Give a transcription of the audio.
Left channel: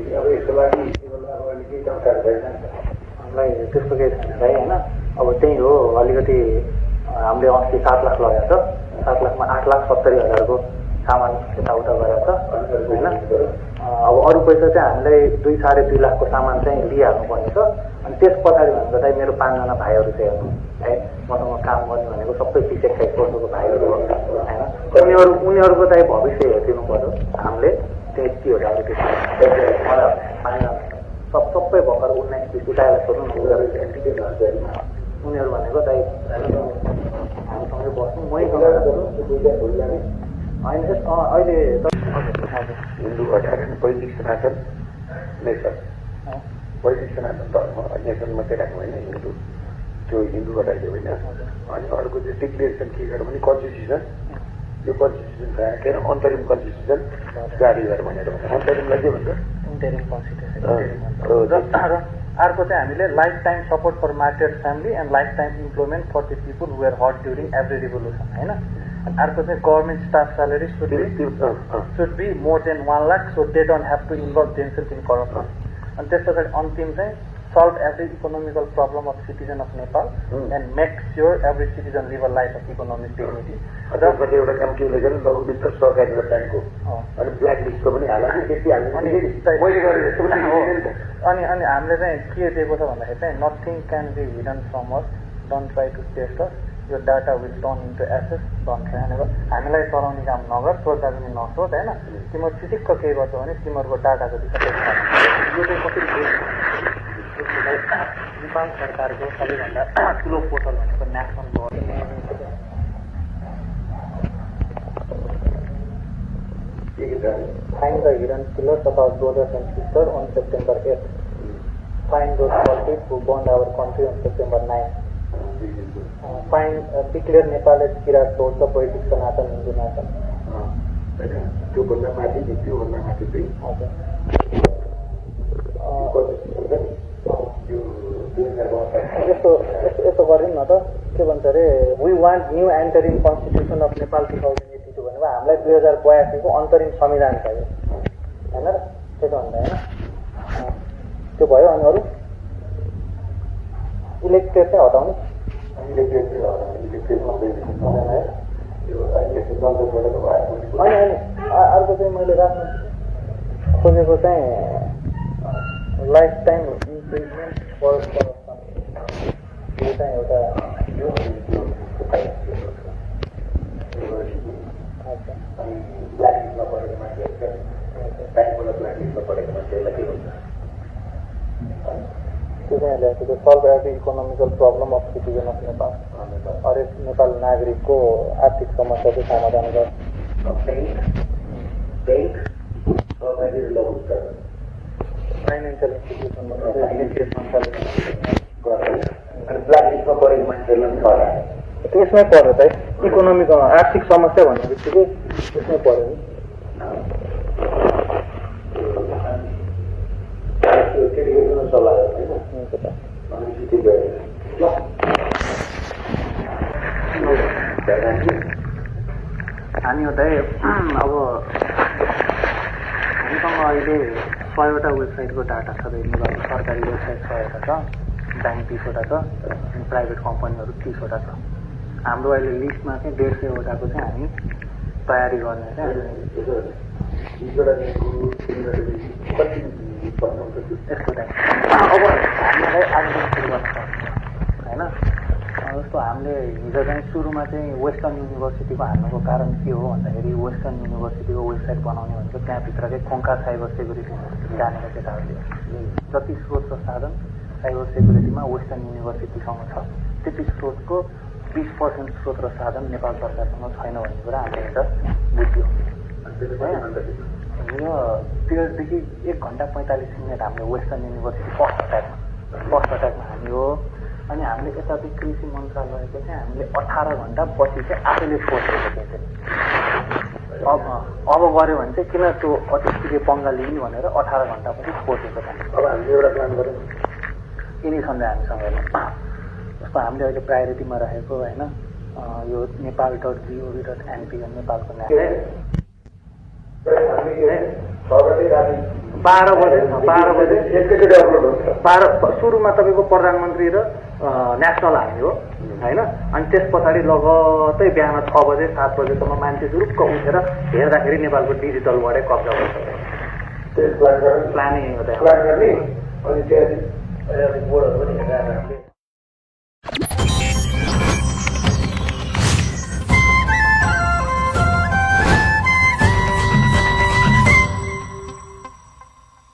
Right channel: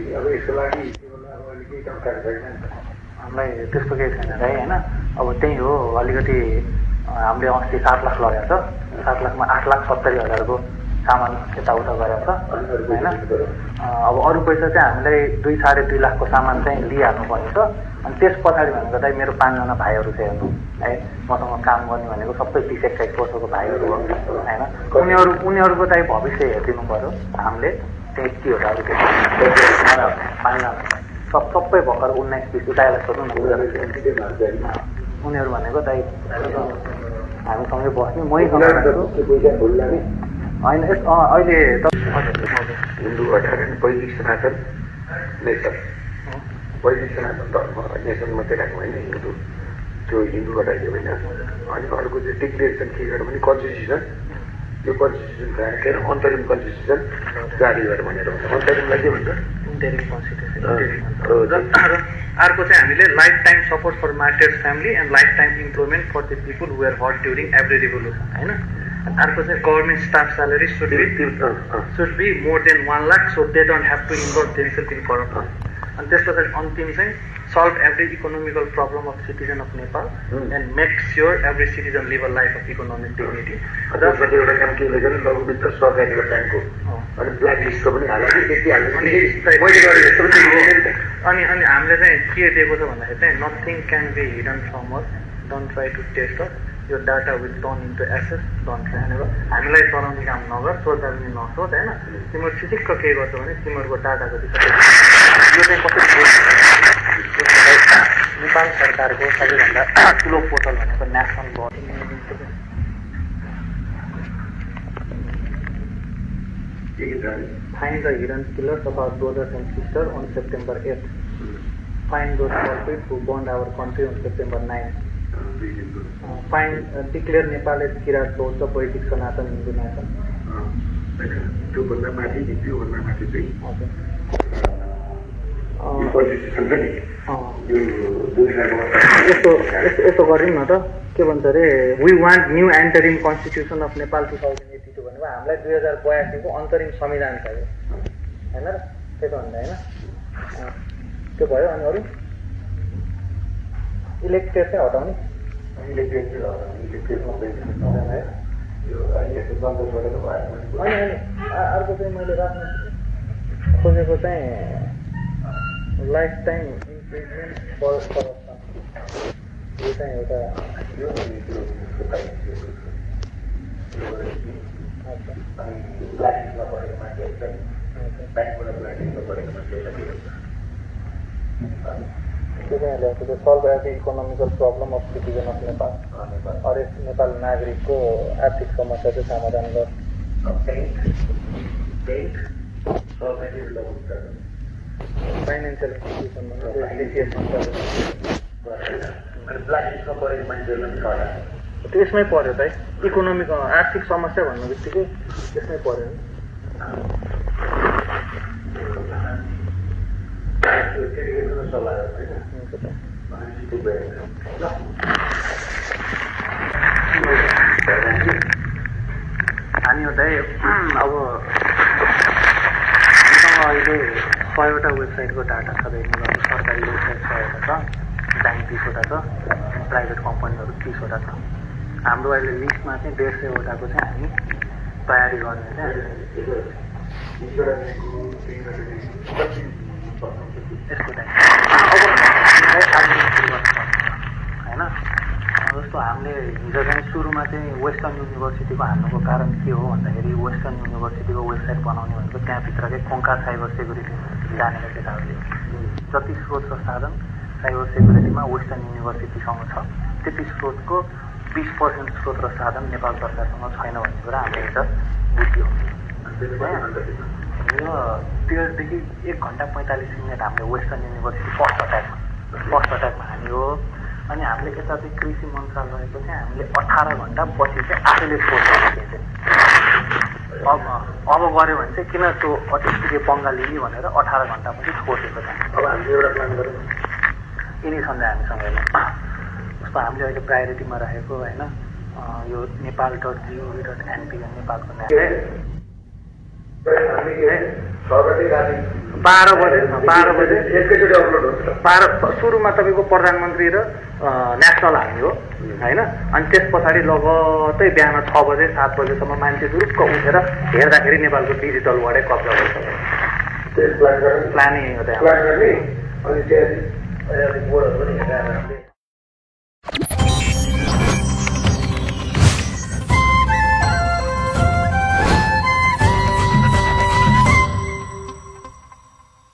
अब यसको लागि केही जानकारी छैन हामीलाई त्यस्तो केही छैन भाइ होइन। अब त्यही हो अलिकति हामीले अस्ति 7 लाख लगाएको छ, 7 लाखमा 8,70,000को सामान यताउता गरेको छ होइन। अब अरू पैसा चाहिँ हामीलाई 2-2.5 लाखको सामान चाहिँ लिइहाल्नुपर्ने छ। अनि त्यस पछाडि भनेको चाहिँ मेरो 5जना भाइहरू चाहिँ हेर्नु है, मसँग काम गर्ने भनेको सबै 30-31 वर्षको भाइहरू हो होइन। उनीहरूको चाहिँ भविष्य हेरिदिनु पऱ्यो हामीले। चाहिँ के हो त अब त्यो 5जना सबै भर्खर 19-20 उताएर सोध्नु न। उनीहरू भनेको दाइ हामीसँगै बस्ने मैसँग होइन। अहिले हिन्दू 18 वैदिक सनातन नेसन, वैदिक सनातन धर्म नेसन मात्रै राख्नु होइन, हिन्दू त्यो हिन्दू हटाइदियो होइन। अनि अर्को चाहिँ डिक्लेरेसन के गर्यो भने कन्स्टिट्युसन, यो कन्स्टिट्युसन राखेर अन्तरिम कन्स्टिट्युसन जारी गर भनेर भन्छ। अन्तरिमलाई के भन्छ? Interim constitution. अर्को चाहिँ हामीले life time support for martyrs family and life time employment for the people who are hurt during every revolution होइन। अर्को चाहिँ government staff salary should be more than 1 lakh so they don't have to involve themselves in corruption. अनि त्यस पछाडि अन्तिम चाहिँ solve every economical problem of citizen of Nepal and make sure every citizen live a life of economic dignity. र एउटा काम के लेखेर लघु वित्त सहकारी ब्याङ्कको अनि ब्ल्याक लिस्टको पनि हाल्यो त्यति हाल्नु अनि हामीले चाहिँ के दिएको छ भन्दाखेरि चाहिँ nothing can be hidden from us, don't try to test us, यो डाटा विल टर्न इन्टु एसेस, डोन्ट ट्राई भनेको हामीलाई चलाउने काम नगर, सोच्दा पनि नसोच होइन। तिमीहरू ठिक्क के गर्छौ भने तिमीहरूको डाटाको यो चाहिँ कसरी नेपाल सरकारको सबैभन्दा ठुलो पोर्टल भनेको national board Find the hidden killers of our brothers and sisters on September 8th. Find those culprits who burned our country on September 9th. Declare Nepal as Kirat source of Vedic Sanatan Hindu nation. त्योभन्दा माथि त्योभन्दा माथि चाहिँ यस्तो गरौँ न त, के भन्छ अरे we want new interim constitution of Nepal 2082 भनेको हामीलाई 2082 को अन्तरिम संविधान चाहियो होइन र, त्यही त भन्दा होइन। त्यो भयो। अनि अरू इलेक्टेड चाहिँ हटाउने, अनि अर्को चाहिँ मैले राख्नु खोजेको चाहिँ लाइफ टाइम इम्प्रिजमेन्ट फर करप्सन। यो चाहिँ एउटा solve every economical problem of citizen of Nepal, हरेक नेपाल नागरिकको आर्थिक समस्या चाहिँ समाधान गर। फाइनेन्सियल इन्स्टिट्युसनमा त्यसमै पऱ्यो त है, इकोनोमिक आर्थिक समस्या भन्ने बित्तिकै त्यसमै पऱ्यो नि। हामी हो त अब हामीसँग अहिले 100वटा वेबसाइटको डाटा छ, नेपालको सरकारी वेबसाइट 100वटा छ, ब्याङ्क 30वटा छ, अनि प्राइभेट कम्पनीहरू 30वटा छ। हाम्रो अहिले लिस्टमा चाहिँ 150वटाको चाहिँ हामी तयारी गर्ने चाहिँ यसको चाहिँ अब हामीलाई आगे सुरु गर्नुपर्छ होइन। जस्तो हामीले हिजो चाहिँ सुरुमा चाहिँ वेस्टर्न युनिभर्सिटीको हाल्नुको कारण के हो भन्दाखेरि वेस्टर्न युनिभर्सिटीको वेबसाइट बनाउने भनेको त्यहाँभित्रकै खोङ्का साइबर सेक्युरिटी जानेका केटाहरूले जति स्रोत र साधन साइबर सेक्युरिटीमा वेस्टर्न युनिभर्सिटीसँग छ त्यति स्रोतको 20% स्रोत र साधन नेपाल सरकारसँग छैन भन्ने कुरा हामीले हिजो बुझ्यो। यो त्यसदेखि 1 घन्टा 45 मिनट हामीले वेस्टर्न युनिभर्सिटी फर्स्ट अट्याकमा हान्यो। अनि हामीले यता चाहिँ कृषि मन्त्रालयको चाहिँ हामीले 18 घन्टा पछि चाहिँ आफैले सोचेको थिएँ। अब गऱ्यो भने चाहिँ किन त्यो अतिष्ठित पङ्गा लिने भनेर 18 घन्टा पछि सोचेको छ। अब हामीले एउटा प्लान गरौँ यिनी सन्देह हामीसँग हेर्नु जस्तो हामीले अहिले प्रायोरिटीमा राखेको होइन यो नेपाल.gov.np नेपालको 12 बजे एकैचोटि अपलोड हुन्छ। सुरुमा तपाईँको प्रधानमन्त्री र नेसनल हामी हो होइन, अनि त्यस पछाडि लगतै बिहान 6 बजे 7 बजेसम्म मान्छे जुरुक्क उठेर हेर्दाखेरि नेपालको डिजिटलबाटै कब्जा भइसक्यो। प्लानिङ गर्ने अनि त्यहाँ बोर्डहरू पनि हेरेर